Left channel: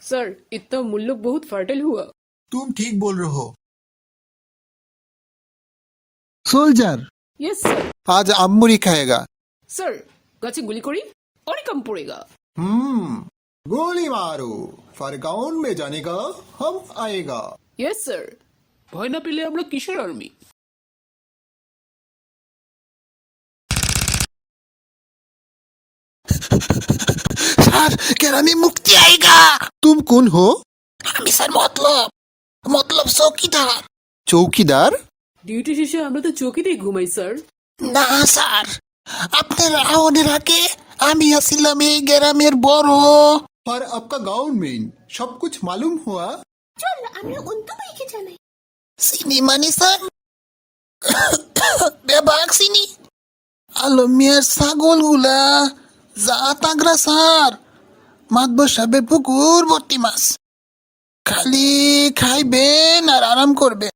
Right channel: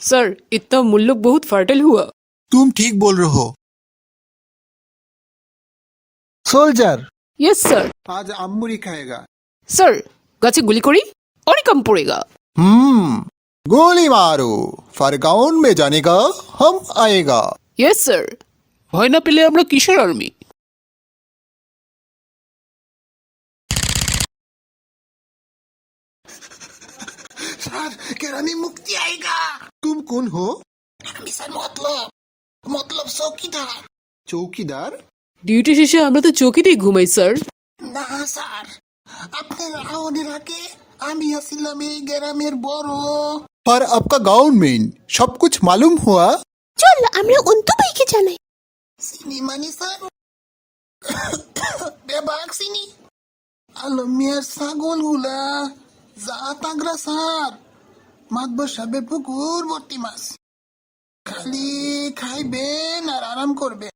Sir इतना मुल्लुक बहुत fertile हुआ। तुम ठीक बोल रहे हो। সোলজার। Yes sir. आज अम्मुरी खाएगा। सर গাছে গুলি করি অনেক কম পড়েগা। गोली मारो, फरगाउन में जाने का हम आएगा। Yes sir. ভয় না পেলে আমরা কিসের আর্মি? सर केरानी मुक्ति आएगा। तुम कौन हो? আমি স্যার মতলব চৌকিদার। চৌকিদার? ডিউটি শেষে আমরা তো চৌকিতেই ঘুমাই স্যার। না স্যার, আপনার আওয়ানের আগে আমি আসিলাম এই গ্রামের বড়। पर आपका गांव में सब कुछ मालूम हुआ? চল আমরা অন্তু ভাইকে জানাই। চিনি মানে স্যার বেবাক চিনি আলমিয়ার ছাগলগুলা যা তাগরা স্যার মাতব সাবে পুকুর ভর্তি মাছ খালি খাইবেন আর আরাম করবেন।